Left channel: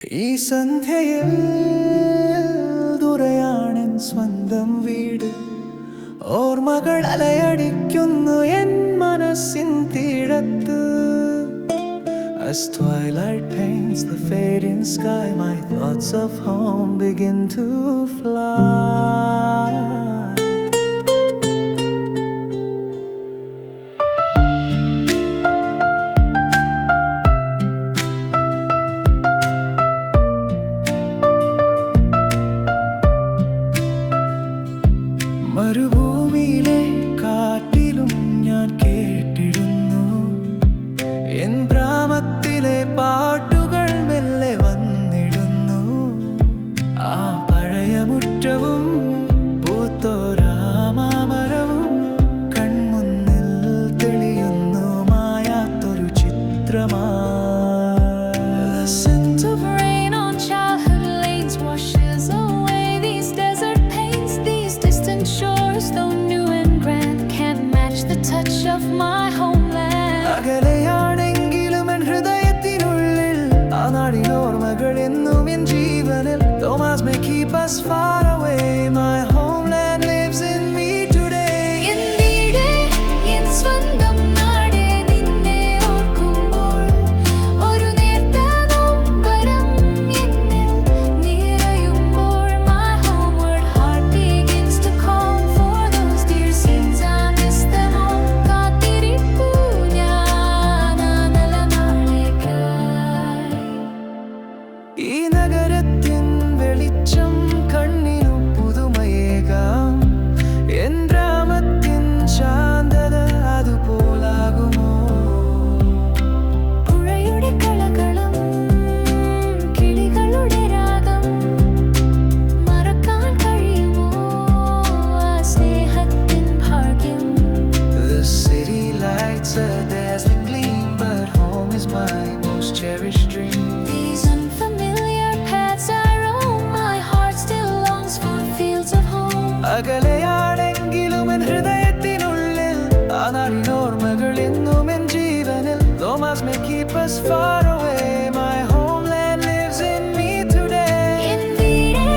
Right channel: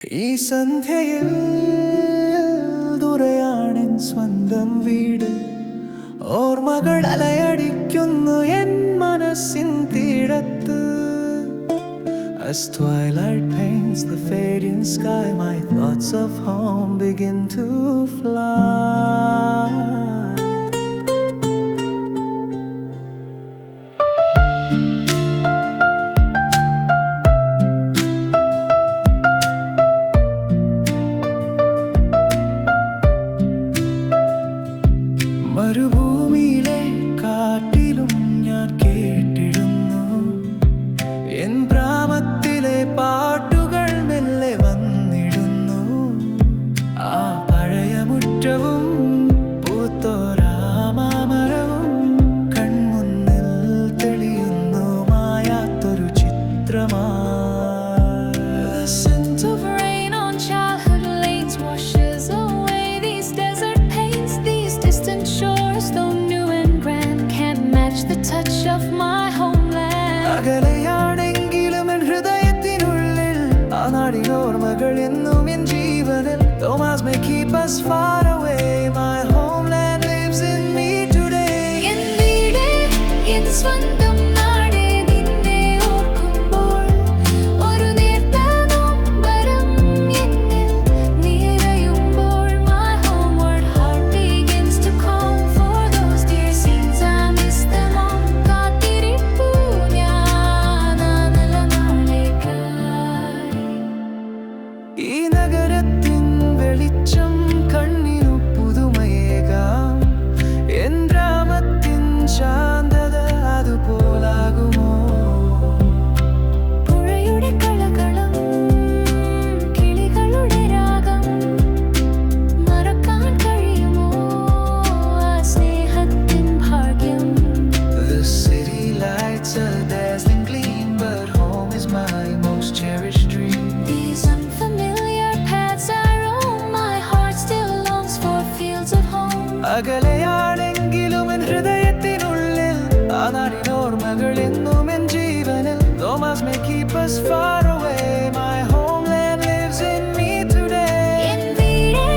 ഈ സന്ധ്യയിൽ ദൂരെയാണെൻ സ്വന്തം വീട്. ഓർമ്മകൾ അലയടിക്കുന്നു എൻ മനസ്സിൻ തീരത്ത്. As twilight paints the fading sky, my thoughts of home begin to fly. മരുഭൂമിയിലെ കാറ്റിലും ഞാൻ കേട്ടിടുന്നു എൻ ഗ്രാമത്തിലെ പാട്ടുകൾ മെല്ലെ വന്നിടുന്നു. ആ പഴയ മുറ്റവും പൂത്തോരാമരവും കൺമുന്നിൽ തെളിയുന്നു മായാത്തൊരു ചിത്രമായി. The scent of rain on childhood lanes washes away these desert pains. These distant shores, though new and grand, can't match the touch of my homeland. അകലെയാണെങ്കിലും എൻ ഹൃദയത്തിനുള്ളിൽ ആ നാടിൻ ഓർമ്മകൾ എന്നും എൻ ജീവനിൽ. Thomas may keep us far away, my homeland lives in me today. En വീടേ, en സ്വന്തം നാടേ, നിന്നെ ഓർക്കുമ്പോൾ ഒരു നേർത്ത നൊമ്പരം എന്നിൽ നിറയുമ്പോൾ my homeward heart begins to call for those dear scenes. I miss them all. കാത്തിരിപ്പു ഞാൻ ആ നല്ല നാളേക്കായി. ഈ നഗരത്തിൻ വെളിച്ചം കണ്ണിനു പുതുമയേകാം. എൻ ഗ്രാമത്തിൻ ശാന്തത അതുപോലാകുമോ? പുഴയുടെ കളകളം, കിളികളുടെ രാഗം, മറക്കാൻ കഴിയുമോ ആ സ്നേഹത്തിൻ ഭാഗ്യം? The city lights a dazzling gleam, but home is my most cherished dream. These unfamiliar paths I roam, my heart still longs for fields of home. അകലെയാണെങ്കിലും എൻ ഹൃദയത്തിനുള്ളിൽ ആ നാടിൻ ഓർമ്മകൾ എന്നും എൻ ജീവനിൽ. Thomas may keep us far away, my homeland lives in me today. En വീടേ,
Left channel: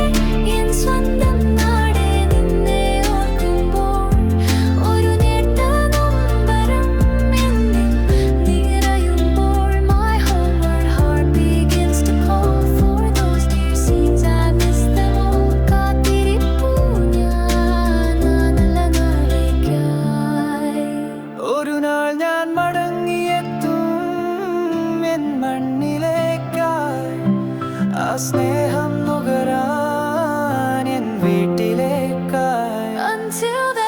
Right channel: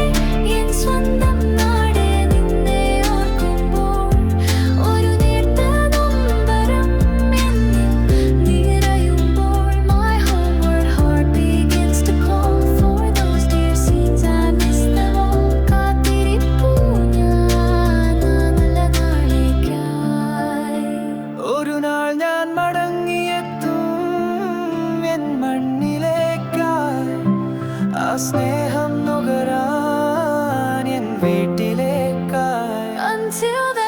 en സ്വന്തം നാടേ, നിന്നെ ഓർക്കുമ്പോൾ ഒരു നേർത്ത നൊമ്പരം എന്നിൽ നിറയുമ്പോൾ my homeward heart begins to call for those dear scenes. I miss them all. കാത്തിരിപ്പു ഞാൻ ആ നല്ല നാളേക്കായി. ഒരു നാൾ ഞാൻ മടങ്ങിയെത്തും എൻ മണ്ണിലേക്കായി. ആ സ്നേഹം നുകരാൻ എൻ വീട്ടിലേക്കായി. Until then